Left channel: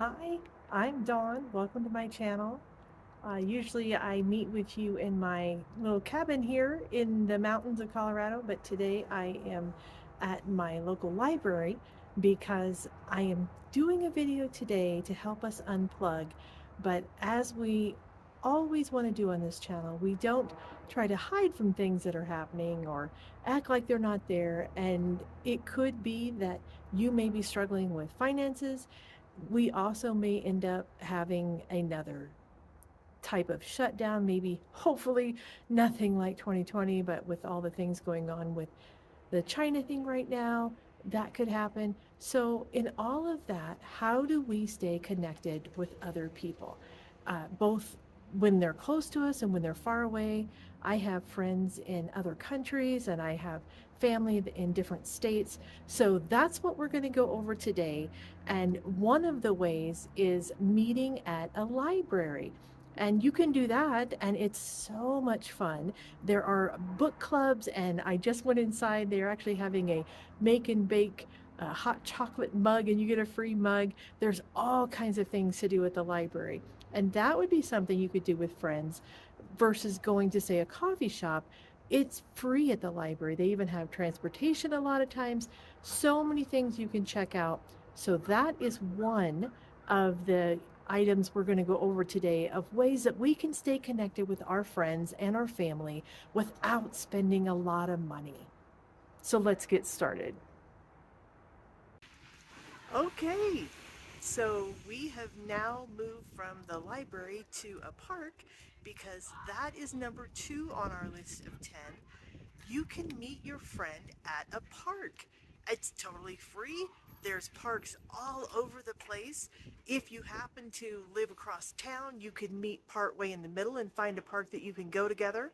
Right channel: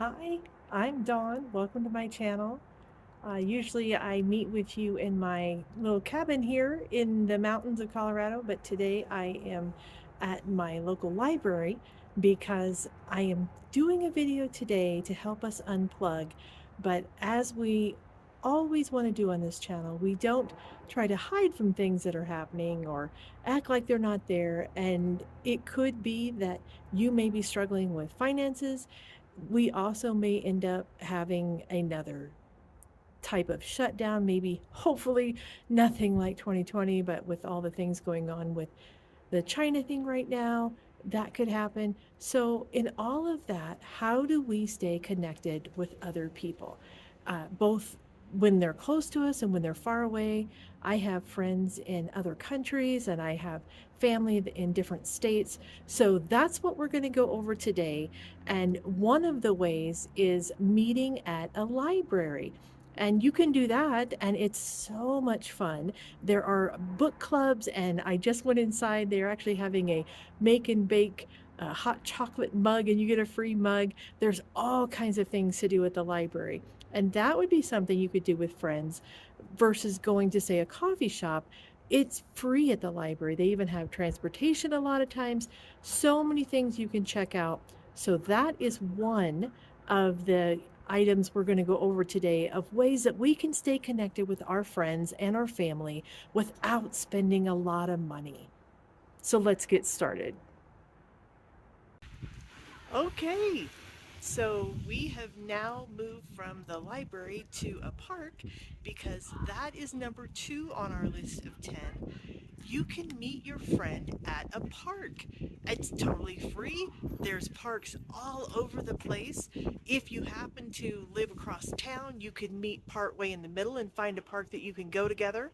Hi, I'm Dawn. Welcome to my channel. Usually I meet with you in my little cabin here in the mountains of Colorado, but today I am at my local library because I am doing a video today to help us unplug. But as we always want to do on this channel, we don't try to hide from things that are happening or act like they're not there. And it could be that you may be struggling with finances. We also may end up having another type of shutdown, maybe hopefully nothing like 2020, but with all the things going on with the China thing right now, that could happen. So, in all of that, how do we stay connected with other people, both when they're close to us and when they're far away? I have friends in other countries and I have family in different states. So, that's what we're going to go over today. And one of the ways is meeting at a library. And you can do that, and it's so much fun. There are book clubs, and I just went inside. They're actually having a make and bake hot chocolate mug, and you get a free mug. There's all kinds of things to do at the library. And that would be something you could do with friends versus going to, say, a coffee shop. It's free at the library. They even have transportation a lot of times. So many things you can check out. So, that is one of the items we're going to go over today of ways that we can stay connected with our friends and our family without spending a lot of money. So let's get started. Okay, so we have now moved from the library to a park because that is number two on our list of 10. You can meet your friend at a park. It's totally free. There's parks all over the place. If you happen to live across town, you could meet partway in the middle and find a park that you can go together.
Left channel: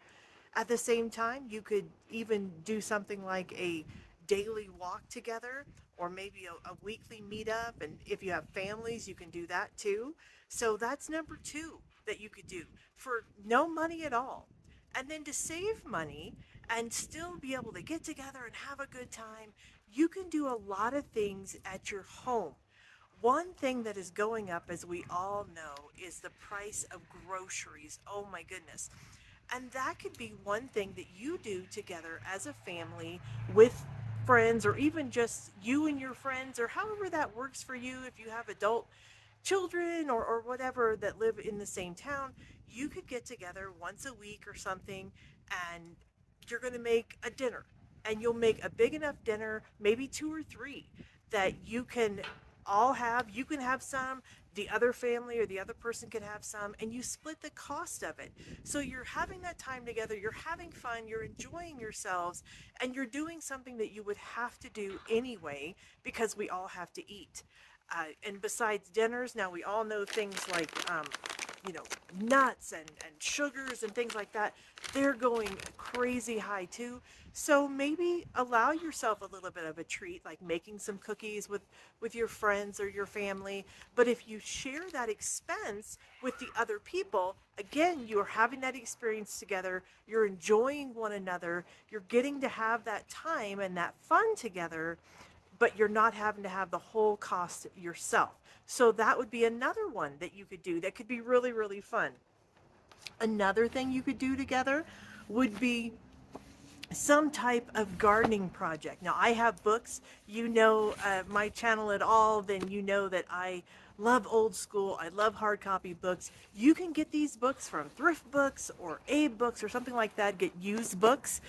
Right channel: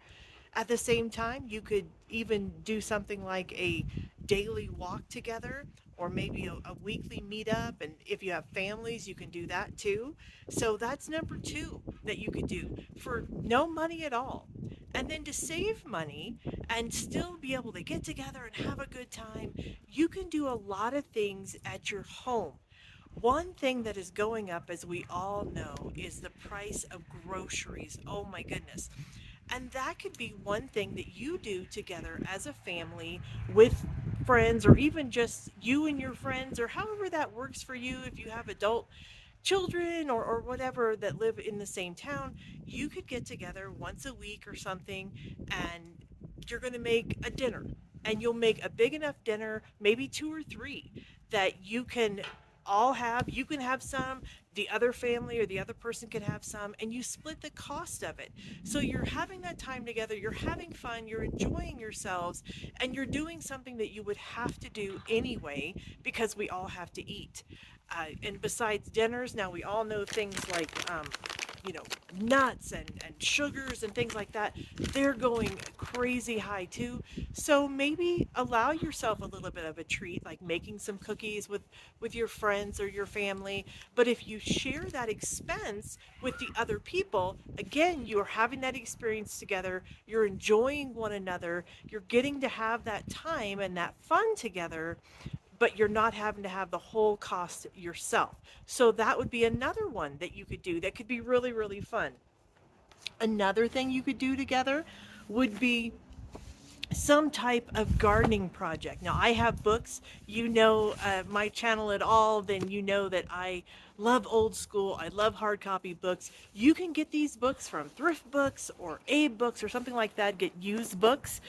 At the same time, you could even do something like a daily walk together or maybe a weekly meetup. And if you have families, you can do that too. So that's number two that you could do for no money at all. And then to save money and still be able to get together and have a good time, you can do a lot of things at your home. One thing that is going up, as we all know, is the price of groceries. Oh my goodness. And that could be one thing that you do together as a family with friends, or even just you and your friends, or however that works for you. If you have adult children or whatever that live in the same town, you could get together once a week or something, and you're going to make a dinner. And you'll make a big enough dinner, maybe two or three, that you can all have. You can have some, the other family or the other person can have some, and you split the cost of it. So you're having that time together, you're having fun, you're enjoying yourselves, and you're doing something that you would have to do anyway because we all have to eat. And besides dinners, now we all know things like, you know, nuts and sugars and things like that. They're going crazy high too. So maybe allow yourself a little bit of a treat, like making some cookies with your friends or your family. But if you share that expense with the other people, again, you're having that experience together. You're enjoying one another. You're getting to have that time and that fun together, but you're not having to have the whole cost yourself. So that would be another one that you could do that could be really, really fun. Another thing you could do together would be some type of gardening project. Now, I have books. You know my channel at all, then you know that I love old school. I love hard copy books. You can get these books from thrift books or Abe books or something like that. Get used books,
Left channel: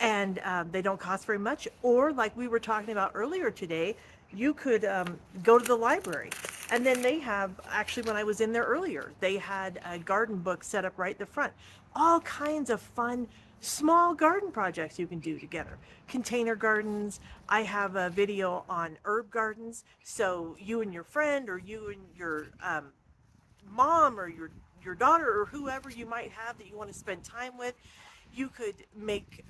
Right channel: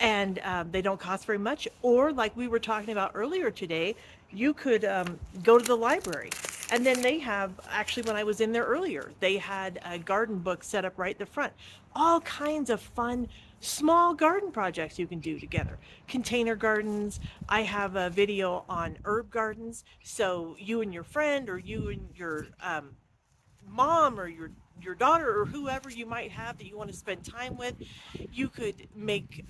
and they don't cost very much. Or, like we were talking about earlier today, you could go to the library. And then they have, actually, when I was in there earlier, they had a garden book set up right in the front. All kinds of fun small garden projects you can do together. Container gardens. I have a video on herb gardens. So you and your friend, or you and your mom, or your daughter, or whoever you might have that you want to spend time with, you could make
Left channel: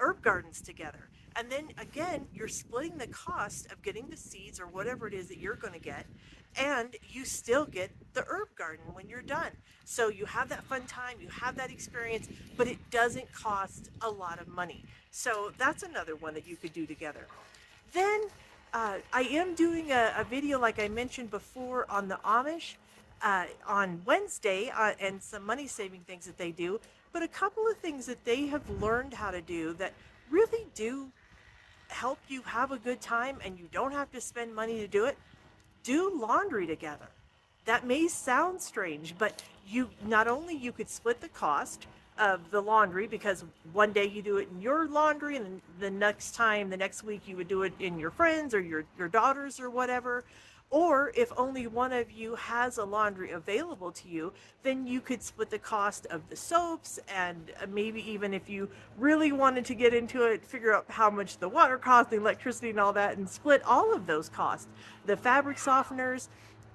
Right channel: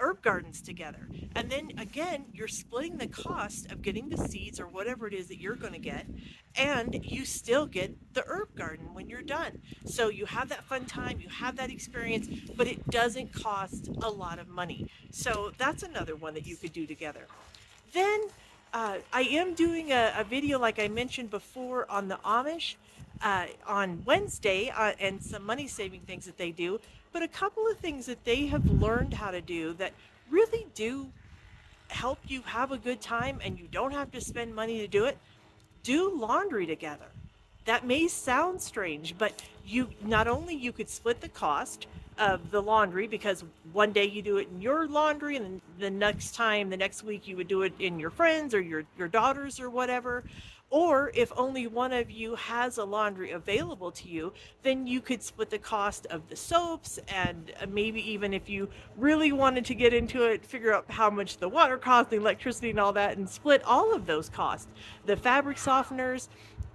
herb gardens together. And then again, you're splitting the cost of getting the seeds or whatever it is that you're going to get, and you still get the herb garden when you're done. So you have that fun time, you have that experience, but it doesn't cost a lot of money. So that's another one that you could do together. Then I am doing a video, like I mentioned before, on the Amish on Wednesday and some money saving things that they do. But a couple of things that they have learned how to do that really do help you have a good time and you don't have to spend money to do it. Do laundry together. That may sound strange, but you not only you could split the cost of the laundry, because one day you do it in your laundry and the next time, the next week, you would do it in your friends or your daughters or whatever. Or if only one of you has a laundry available to you, then you could split the cost of the soaps, and maybe even if you really wanted to get into it, figure out how much the water costs, the electricity and all that, and split all of those costs. The fabric softeners,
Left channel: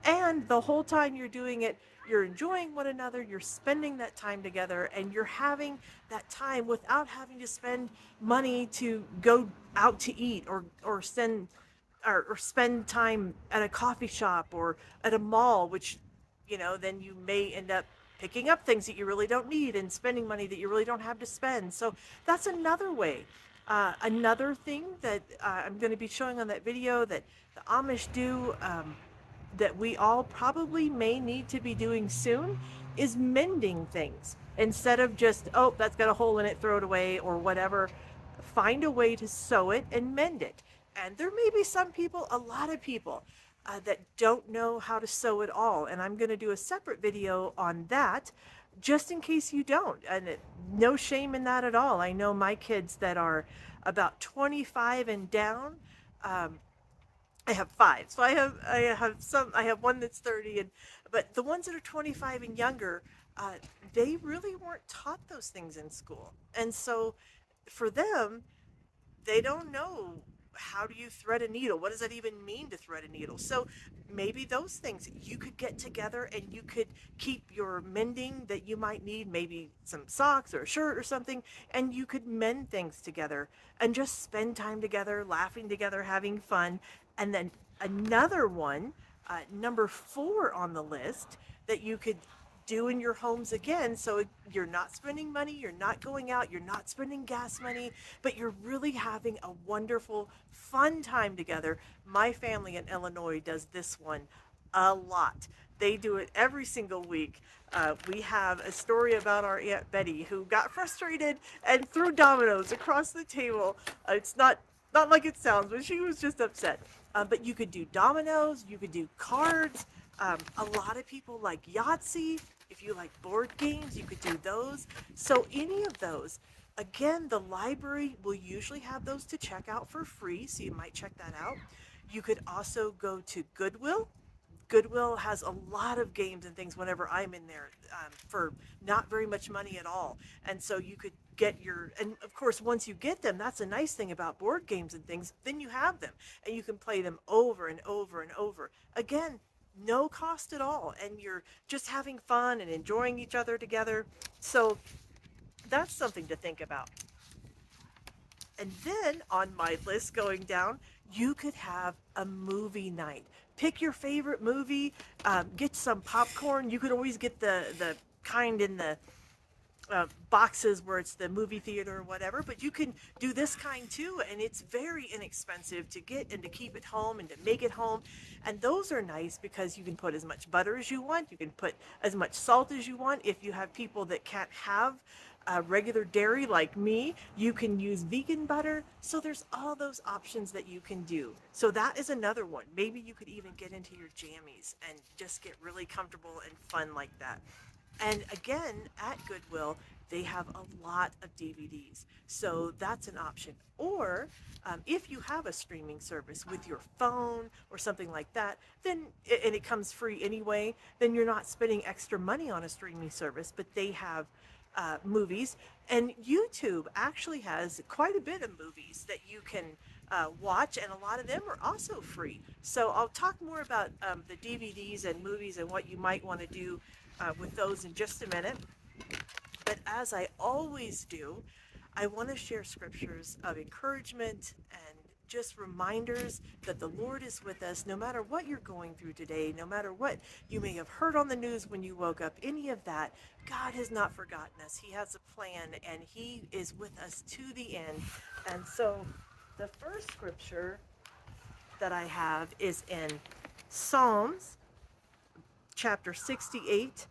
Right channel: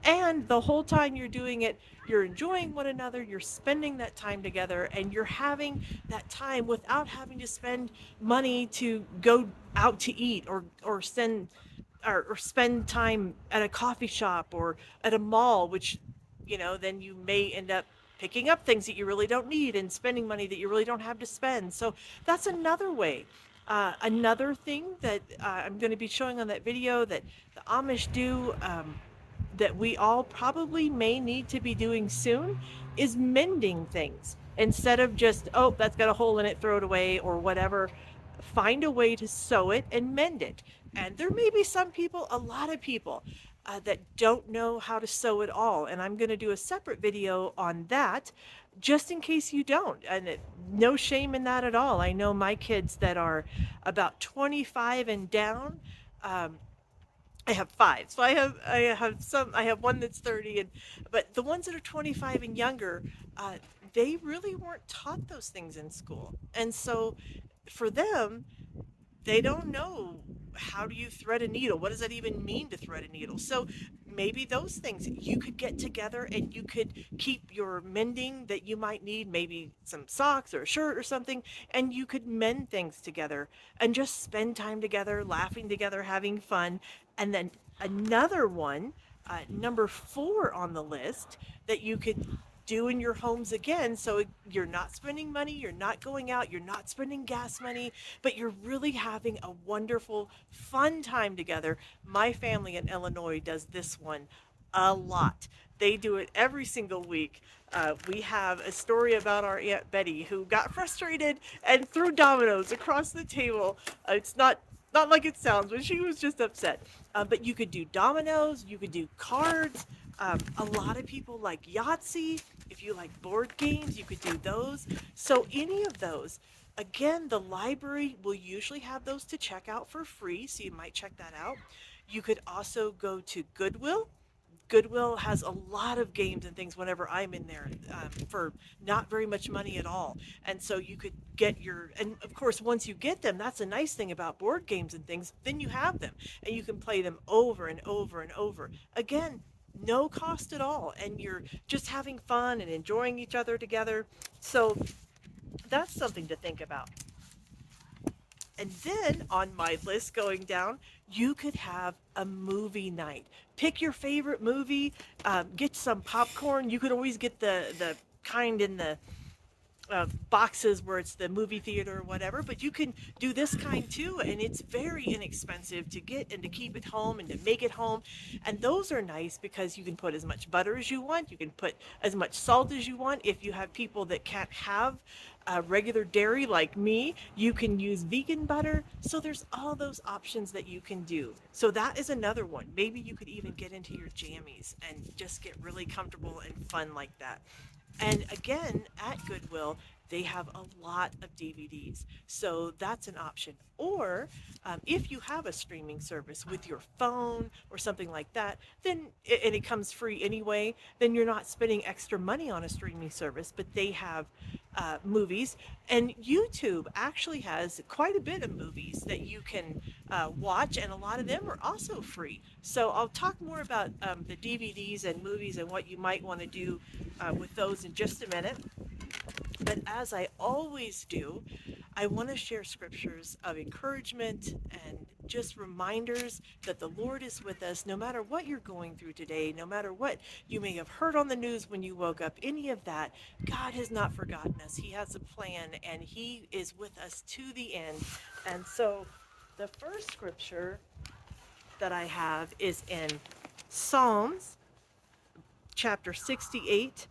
and the whole time you're doing it, you're enjoying one another, you're spending that time together, and you're having that time without having to spend money to go out to eat or spend time at a coffee shop or at a mall, which, then you may end up picking up things that you really don't need and spending money that you really don't have to spend. So that's another way. Another thing that I'm going to be showing on that video that the Amish do, that we all probably may need to be doing soon, is mending things. Instead of just, oh, that's got a hole in it, throw it away or whatever, find a way to sew it and mend it. And there may be some people, a lot of people, that don't know how to sew at all. And I'm going to do a separate video on that just in case you don't. And no shame in that at all. I know my kids that are about 25 and down. I have five. So I have one that's 30, but the ones that are 25 and younger, they really weren't taught those things in school. And so for them, they don't know, how do you thread a needle? What does that even mean to thread a needle? So maybe those things you could get together and you could keep your mending that you might need, maybe some socks or a shirt or something, and you could mend things together and just spend time together, laughing together, having fun. And then another one, number 4 on the list, that you could do in your homes again, so you're not spending money, you're not going out, you're not spending gas money, but you're really having a wonderful fun time together. My family in Illinois does this one a lot. They do it every single week. We have a story about our Aunt Betty who got frustrated and threw dominoes across the table. It's not like it sounds, but she was just upset. But you could do dominoes, you could do cards. A lot of people like Yahtzee. If you like board games, you could do those. So any of those. Again, the library will usually have those to check out for free, so you might check that out. You could also go to Goodwill. Goodwill has a lot of games and things whenever I'm in there, for not very much money at all. And so you could get and of course, once you get them, that's a nice thing about board games and things, then you have them and you can play them over and over and over. Again, no cost at all. And you're just having fun and enjoying each other together. So that's something to think about. And then on my list going down, you could have a movie night. Pick your favorite movie, get some popcorn. You could always get the kind in the boxes where it's the movie theater or whatever, but you can do this kind too, and it's very inexpensive to get and to keep at home and to make it home. And those are nice because you can put as much butter as you want, you can put as much salt as you want. If you have people that can't have regular dairy like me, you can use vegan butter. So there's all those options that you can do. So that is another one. Maybe you could even get into your jammies and just get really comfortable and fun like that. And again, at Goodwill, they have a lot of DVDs. So that's an option. Or if you have a streaming service with your phone or something like that, then, and it comes free anyway, then you're not spending extra money on a streaming service, but they have movies. And YouTube actually has quite a bit of movies that you can watch, and a lot of them are also free. So I'll talk more about the DVDs and movies and what you might want to do with those in just a minute. But as I always do, I want to share scriptures of encouragement and just reminders that the Lord is with us no matter what you're going through today, no matter what you may have heard on the news when you woke up, any of that. God has not forgotten us. He has a plan, and He is with us to the end. And so the first scripture that I have is in Psalms chapter 68,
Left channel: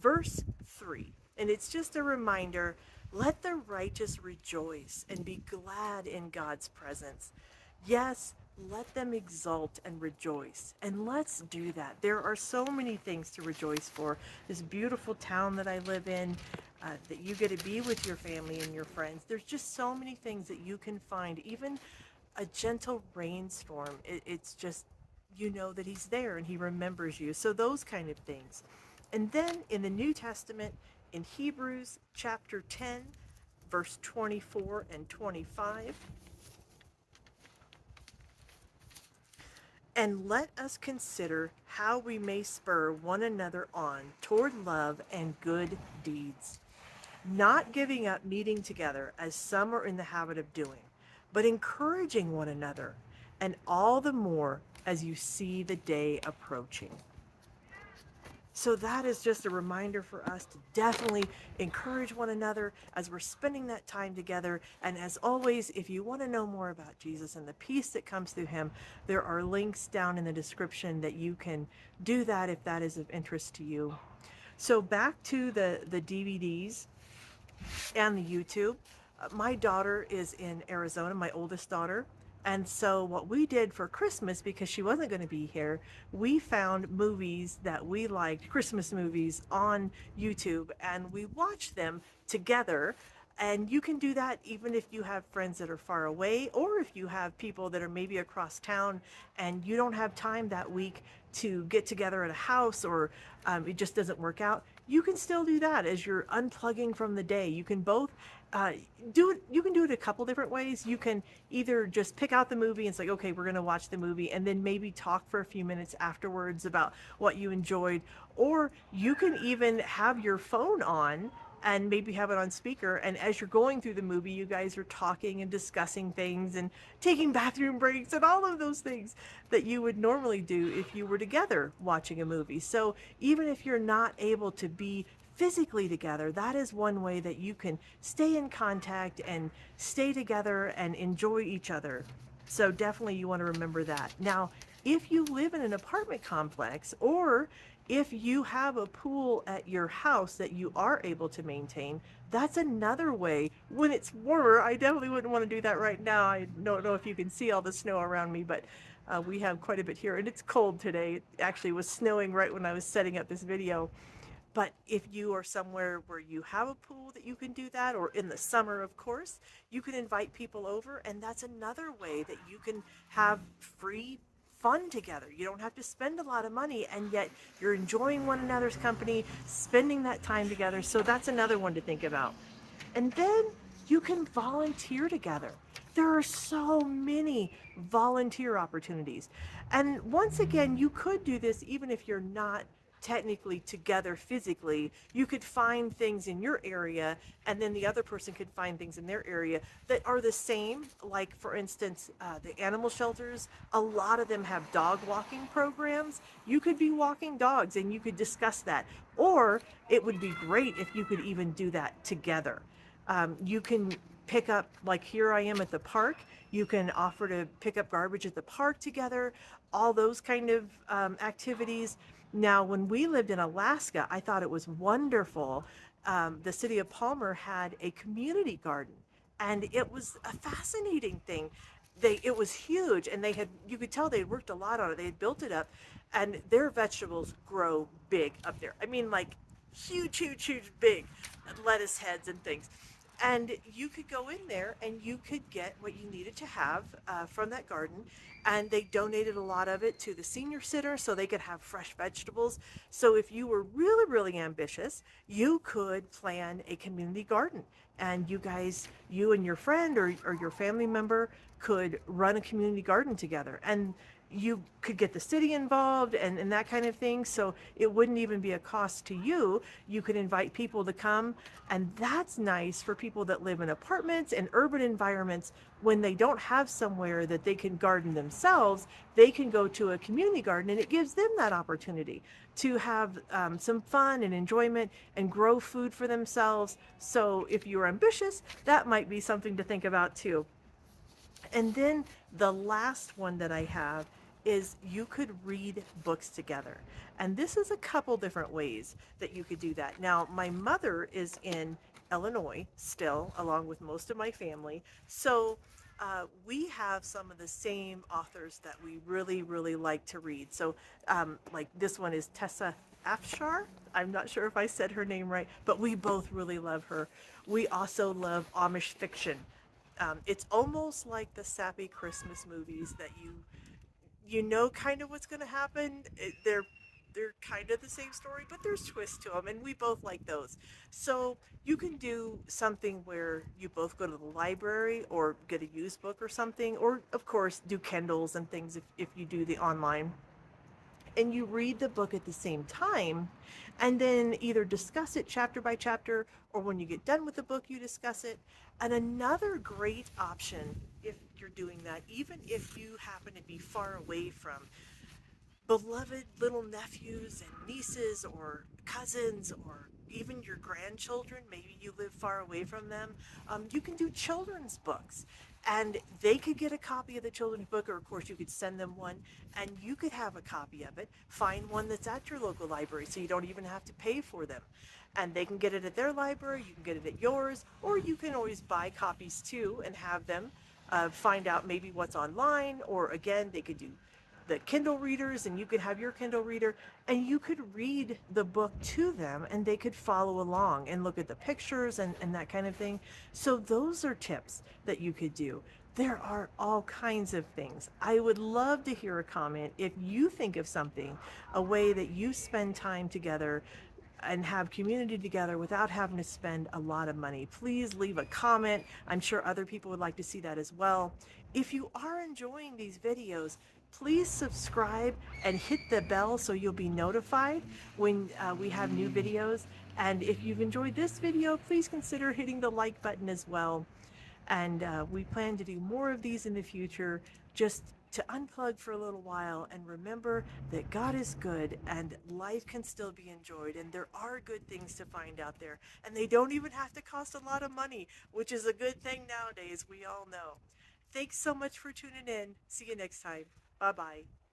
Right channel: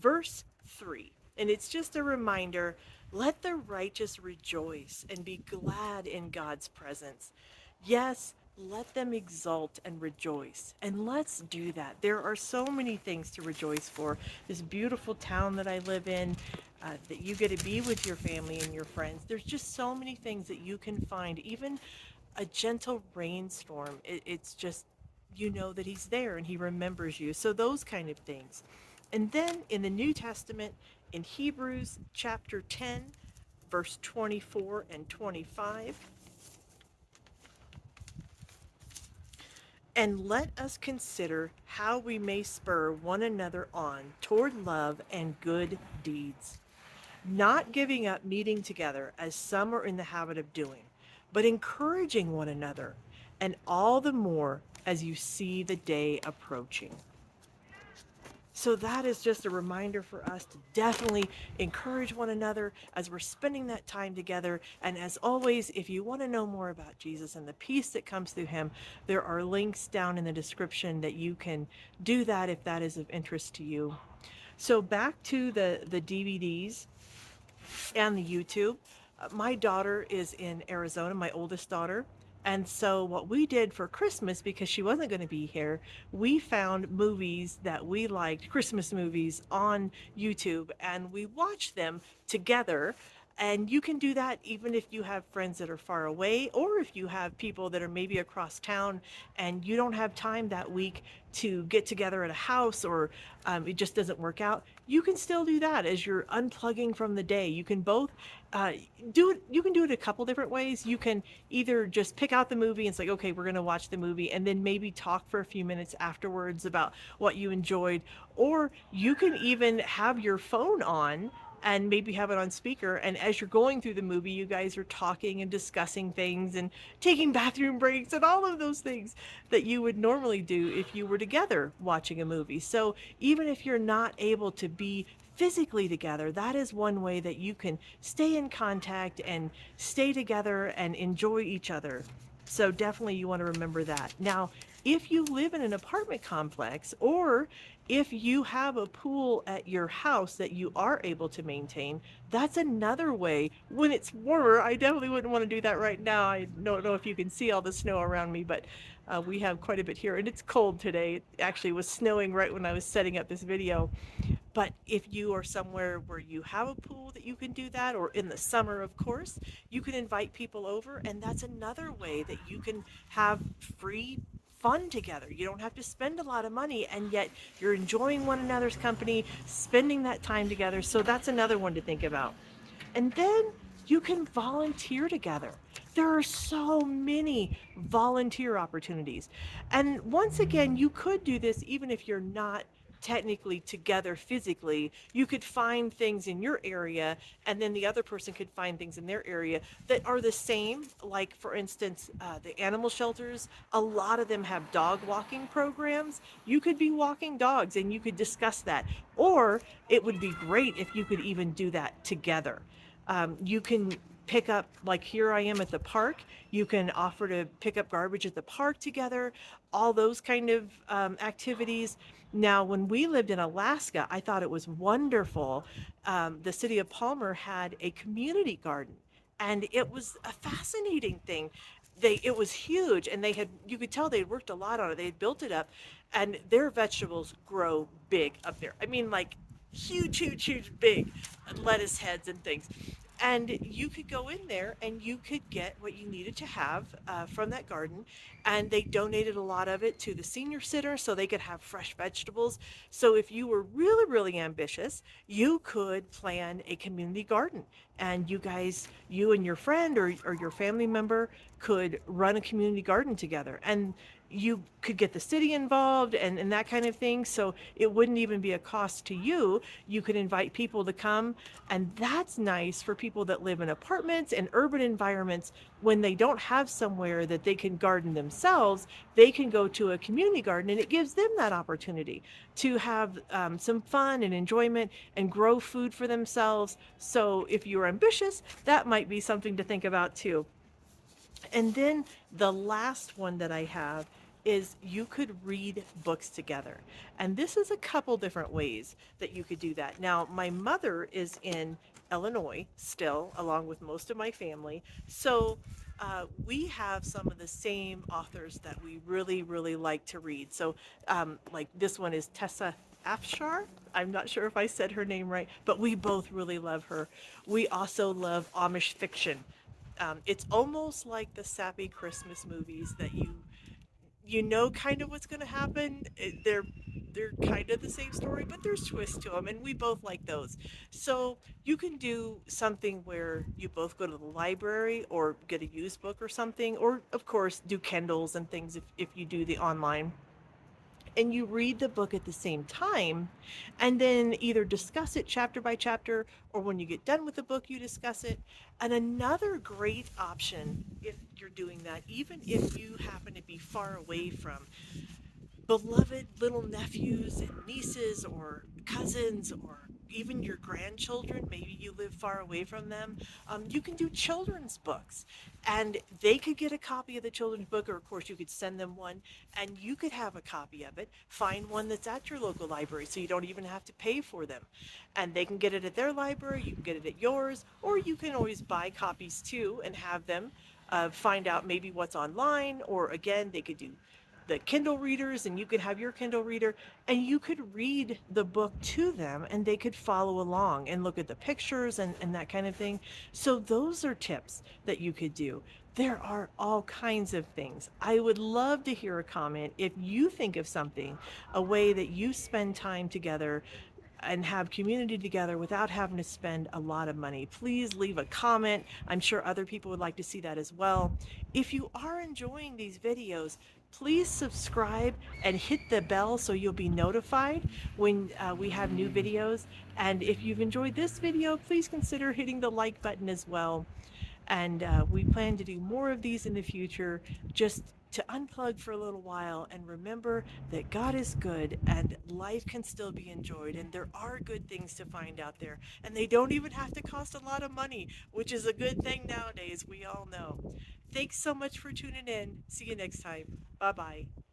verse 3. And it's just a reminder, let the righteous rejoice and be glad in God's presence. Yes, let them exult and rejoice. And let's do that. There are so many things to rejoice for. This beautiful town that I live in, that you get to be with your family and your friends. There's just so many things that you can find. Even a gentle rainstorm, it's just, you know that He's there and He remembers you. So, those kind of things. And then in the New Testament, in Hebrews chapter 10, verse 24 and 25, and let us consider how we may spur one another on toward love and good deeds, not giving up meeting together as some are in the habit of doing, but encouraging one another, and all the more as you see the day approaching. So that is just a reminder for us to definitely encourage one another as we're spending that time together. And as always, if you want to know more about Jesus and the peace that comes through Him, there are links down in the description that you can do that if that is of interest to you. So back to the DVDs and the YouTube. My daughter is in Arizona, my oldest daughter. And so, what we did for Christmas, because she wasn't going to be here, we found movies that we liked, Christmas movies, on YouTube, and we watched them together. And you can do that even if you have friends that are far away, or if you have people that are maybe across town and you don't have time that week to get together at a house, or it just doesn't work out. You can still do that as you're unplugging from the day. You can both uh, do it. You can do it a couple different ways. You can either just pick out the movie and say, okay, we're going to watch the movie, and then maybe talk for a few minutes afterwards about what you enjoyed. Or you can even have your phone on and maybe have it on speaker, and as you're going through the movie, you guys are talking and discussing things and taking bathroom breaks and all of those things that you would normally do if you were together watching a movie. So even if you're not able to be physically together, that is one way that you can stay in contact and stay together and enjoy each other. So definitely you want to remember that. Now, if you live in an apartment complex, or if you have a pool at your house that you are able to maintain, that's another way. When it's warmer, I definitely wouldn't want to do that right now. I don't know if you can see all the snow around me, but we have quite a bit here, and it's cold today. It actually was snowing right when I was setting up this video. But if you are somewhere where you have a pool that you can do that, or in the summer, of course, you can invite people over, and that's another way that you can have free fun together. You don't have to spend a lot of money, and yet you're enjoying one another's company, spending that time together. So that's another one to think about. And then you can volunteer together. There are so many volunteer opportunities. And once again, you could do this even if you're not technically together physically. You could find things in your area, and then the other person could find things in their area that are the same. Like, for instance, the animal shelters, a lot of them have dog walking programs. You could be walking dogs and you could discuss that. Or it would be great if you could even do that together. You can pick up, like here I am at the park, you can offer to pick up garbage at the park together, all those kind of activities. Now, when we lived in Alaska, I thought it was wonderful. The city of Palmer had a community garden, and it was a fascinating thing. It was huge, and they had, you could tell they had worked a lot on it. They had built it up, and their vegetables grow big up there. I mean, like huge, huge, huge, big lettuce heads and things. And you could go in there and you could get what you needed to have from that garden. And they donated a lot of it to the senior center so they could have fresh vegetables. So if you were really, really ambitious, you could plan a community garden. And you guys, you and your friend, or your family member, could run a community garden together. And you could get the city involved, and that kind of thing. So it wouldn't even be a cost to you. You could invite people to come. And that's nice for people that live in apartments and urban environments. When they don't have somewhere that they can garden themselves, they can go to a community garden, and it gives them that opportunity to have some fun and enjoyment and grow food for themselves. So if you're ambitious, that might be something to think about too. And then the last one that I have is you could read books together. And this is a couple different ways that you could do that. Now, my mother is in Illinois still, along with most of my family. So we have some of the same authors that we really, really like to read. So, like this one is Tessa Afshar. I'm not sure if I said her name right, but we both really love her. We also love Amish fiction. It's almost like the sappy Christmas movies that you know kind of what's going to happen. They're kind of the same story, but there's twists to them, and we both like those. So you can do something where you both go to the library or get a used book or something, or of course do Kindles and things if you do the online, and you read the book at the same time and then either discuss it chapter by chapter, or when you get done with the book you discuss it. And another great option, if you're doing that, even if you happen to be far away from beloved little nephews and nieces or cousins, or even your grandchildren, maybe you live far away from them, you can do children's books. And they could get a copy of the children's book, or of course, you could send them one, and you could have a copy of it. Find one that's at your local library so you don't even have to pay for them. And they can get it at their library, you can get it at yours, or you can always buy copies too and have them. Find out maybe what's online, or again, they could do the Kindle readers, and you could have your Kindle reader, and you could read the book to them and they could follow along and look at the pictures and that kind of thing. So those are tips that you could do. There are all kinds of things. I would love to hear a comment if you think of something, a way that you spend time together and have community together without having to spend a lot of money. Please leave a comment. I'm sure other people would like to see that as well. If you are enjoying these videos, please subscribe and hit the bell so you'll be notified when we have new videos. And if you've enjoyed this video, please consider hitting the like button as well. And we plan to do more of these in the future, just to unplug for a little while and remember that God is good and life can still be enjoyed, and there are good things to find out there, and they don't even have to cost a lot of money, which is a good thing nowadays, we all know. Thanks so much for tuning in. See you next time. Bye bye.